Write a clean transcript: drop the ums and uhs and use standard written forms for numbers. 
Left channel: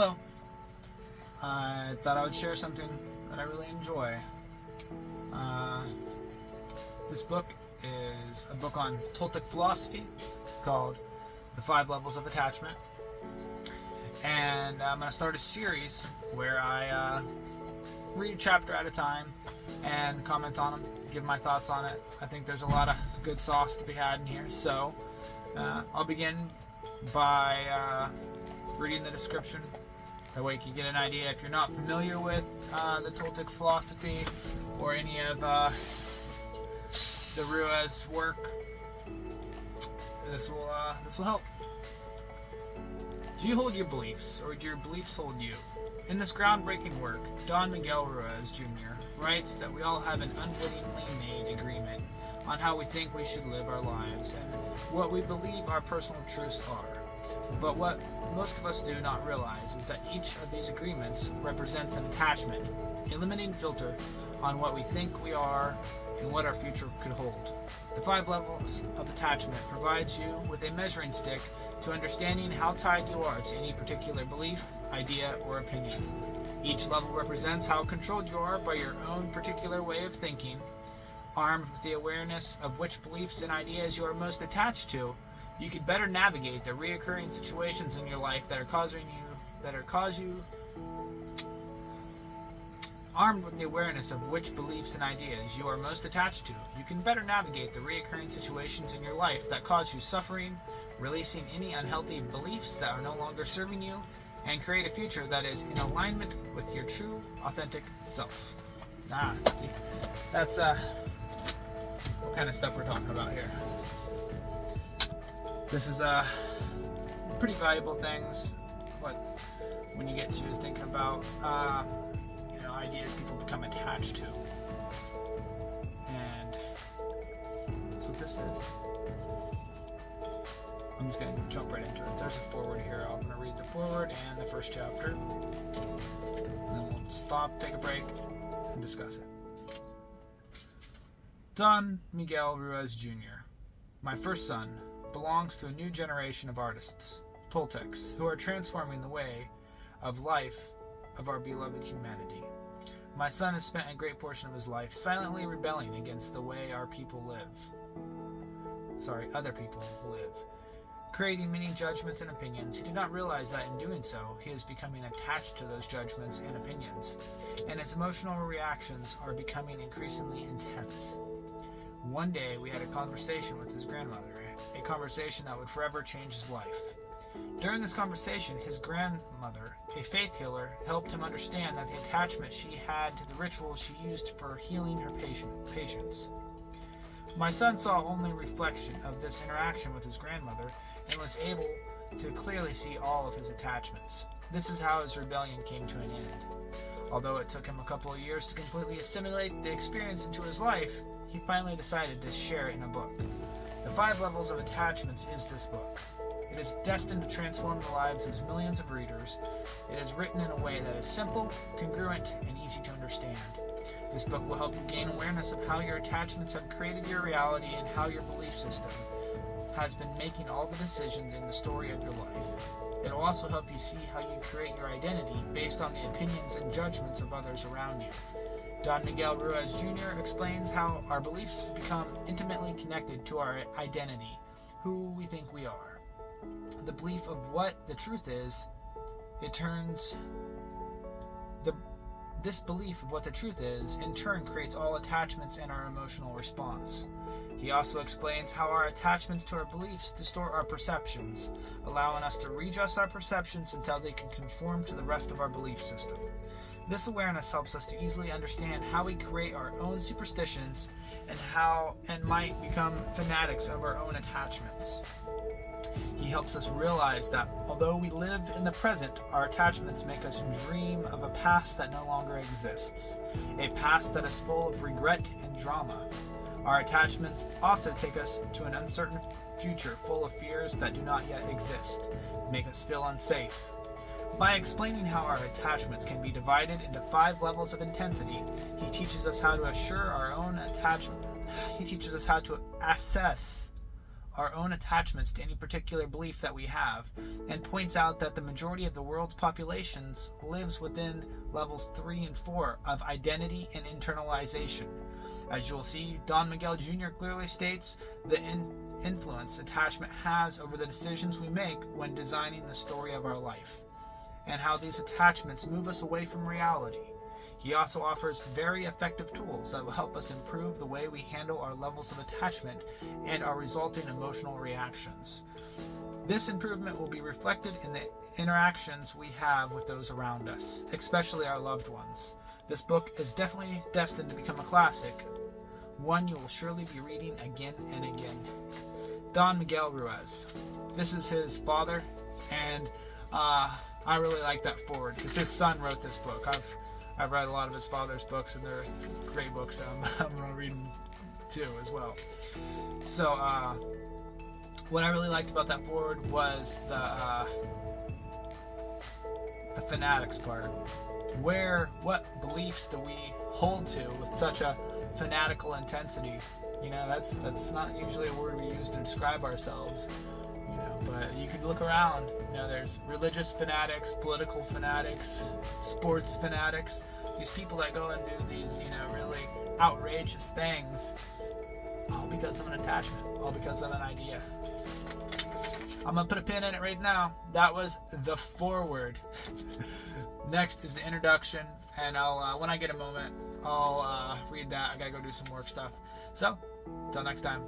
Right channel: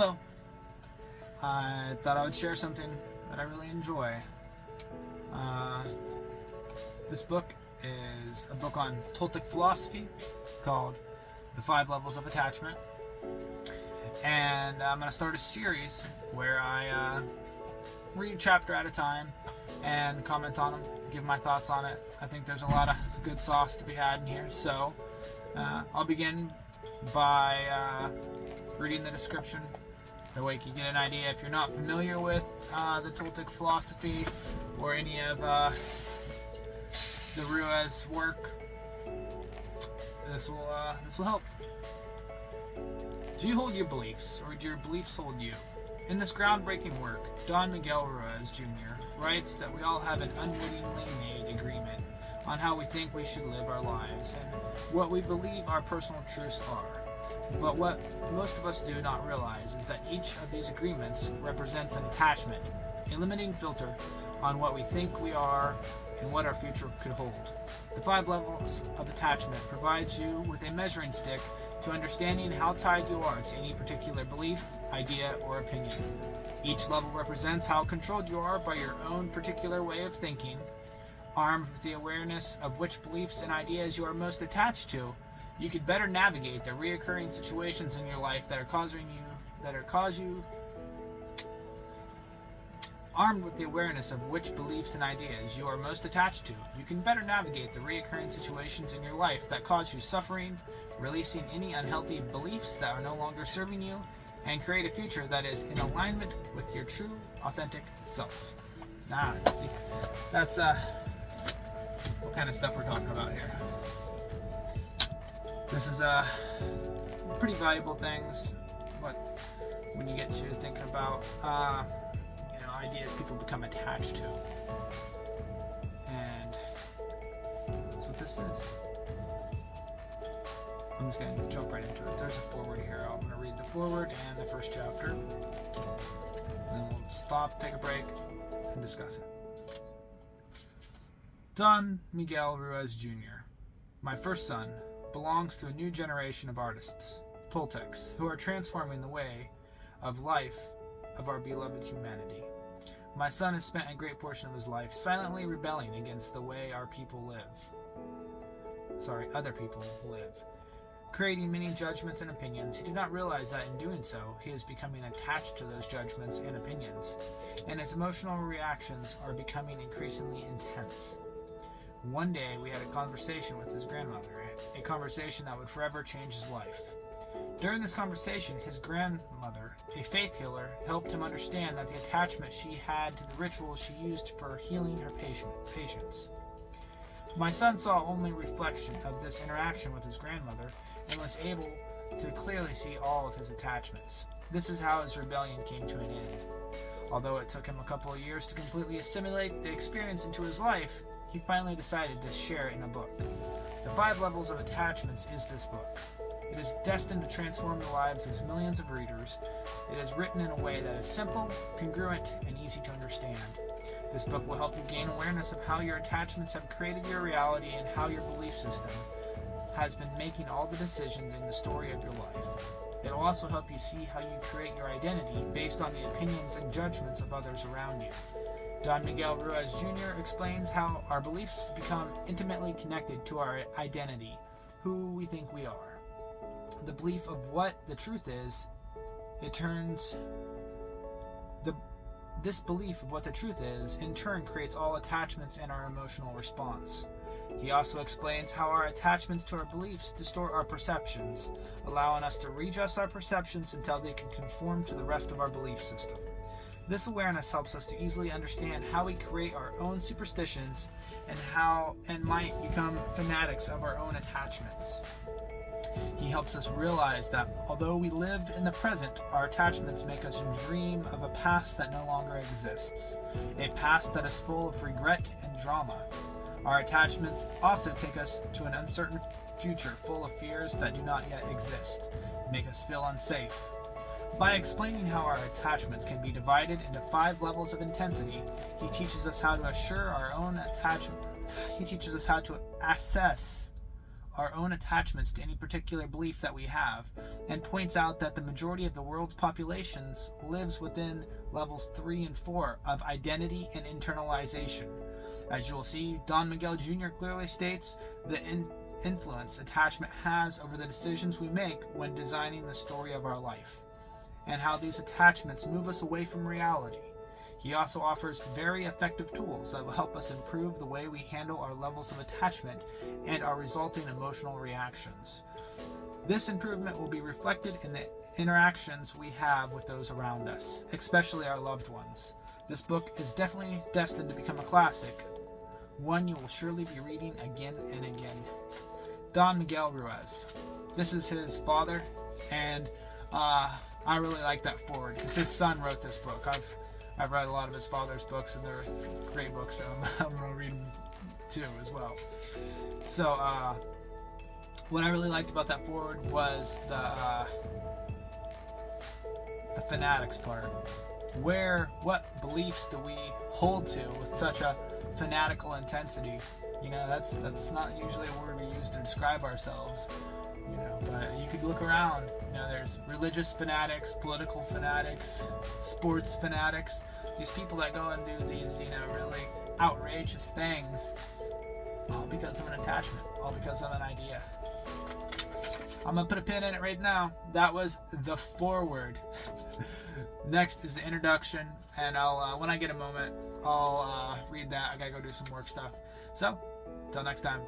Hello. I thought I would share something that I really enjoy. This book is a book on Toltec philosophy called The 5 Levels of Attachment. And I'm going to start a series where I read a chapter at a time and comment on them, give my thoughts on it. I think there's a lot of good sauce to be had in here. So I'll begin by reading the description. That way you can get an idea. If you're not familiar with the Toltec philosophy or any of the Rua's work, this will help. Do you hold your beliefs, or do your beliefs hold you? In this groundbreaking work, Don Miguel Ruiz Jr. writes that we all have an unwittingly made agreement on how we think we should live our lives and what we believe our personal truths are. But what most of us do not realize is that each of these agreements represents an attachment, a limiting filter on what we think we are and what our future could hold. The 5 levels of attachment provides you with a measuring stick to understanding how tied you are to any particular belief, idea, or opinion. Each level represents how controlled you are by your own particular way of thinking. Armed with the awareness of which beliefs and ideas you are most attached to, you could better navigate the reoccurring situations in your life Armed with the awareness of which beliefs and ideas you are most attached to, you can better navigate the reoccurring situations in your life that cause you suffering, releasing any unhealthy beliefs that are no longer serving you, and create a future that is in alignment with your true, authentic self. See, that's what kind of stuff we're talking about here. This is pretty valuable things, but when you get to thinking about ideas people become attached to, and that's what this is. I'm just going to jump right into it. There's a foreword here. I'm going to read the foreword and the first chapter, and then we'll stop, take a break, and discuss it. Don Miguel Ruiz Jr., my first son, belongs to a new generation of artists, Toltecs, who are transforming the way of life of our beloved humanity. My son has spent a great portion of his life silently rebelling against the way other people live, creating many judgments and opinions. He did not realize that in doing so, he is becoming attached to those judgments and opinions, and his emotional reactions are becoming increasingly intense. One day, we had a conversation with his grandmother, a conversation that would forever change his life. During this conversation, his grandmother, a faith healer, helped him understand that the attachment she had to the rituals she used for healing her patients. My son saw only a reflection of this interaction with his grandmother and was able to clearly see all of his attachments. This is how his rebellion came to an end. Although it took him a couple of years to completely assimilate the experience into his life, he finally decided to share it in a book. The 5 Levels of Attachments is this book. It is destined to transform the lives of millions of readers. It is written in a way that is simple, congruent, and easy to understand. This book will help you gain awareness of how your attachments have created your reality and how your belief system has been making all the decisions in the story of your life. It will also help you see how you create your identity based on the opinions and judgments of others around you. Don Miguel Ruiz Jr. explains how our beliefs become intimately connected to our identity, who we think we are. The belief of what the truth is, this belief of what the truth is, in turn creates all attachments and our emotional response. He also explains how our attachments to our beliefs distort our perceptions, allowing us to readjust our perceptions until they can conform to the rest of our belief system. This awareness helps us to easily understand how we create our own superstitions and might become fanatics of our own attachments. He helps us realize that although we live in the present, our attachments make us dream of a past that no longer exists, a past that is full of regret and drama. Our attachments also take us to an uncertain future full of fears that do not yet exist, make us feel unsafe. By explaining how our attachments can be divided into 5 levels of intensity, he teaches us how to assure our own attachment. He teaches us how to assess our own attachments to any particular belief that we have, and points out that the majority of the world's populations lives within levels 3 and 4 of identity and internalization. As you will see, Don Miguel Jr. clearly states the influence attachment has over the decisions we make when designing the story of our life, and how these attachments move us away from reality. He also offers very effective tools that will help us improve the way we handle our levels of attachment and our resulting emotional reactions. This improvement will be reflected in the interactions we have with those around us, especially our loved ones. This book is definitely destined to become a classic, one you will surely be reading again and again. Don Miguel Ruiz. This is his father, and I really like that foreword because his son wrote this book. I've read a lot of his father's books, and they're great books, so I'm going to read them too as well. So, what I really liked about that foreword was the fanatics part. What beliefs do we hold to with such a fanatical intensity? You know, that's not usually a word we use to describe ourselves. You know, but you could look around. You know, there's religious fanatics, political fanatics, sports fanatics. These people that go and do these, you know, really outrageous things, all because of an attachment, all because of an idea. I'm gonna put a pin in it right now. That was the foreword. Next is the introduction, and I'll when I get a moment, I'll read that. I gotta go do some work stuff. So, until next time.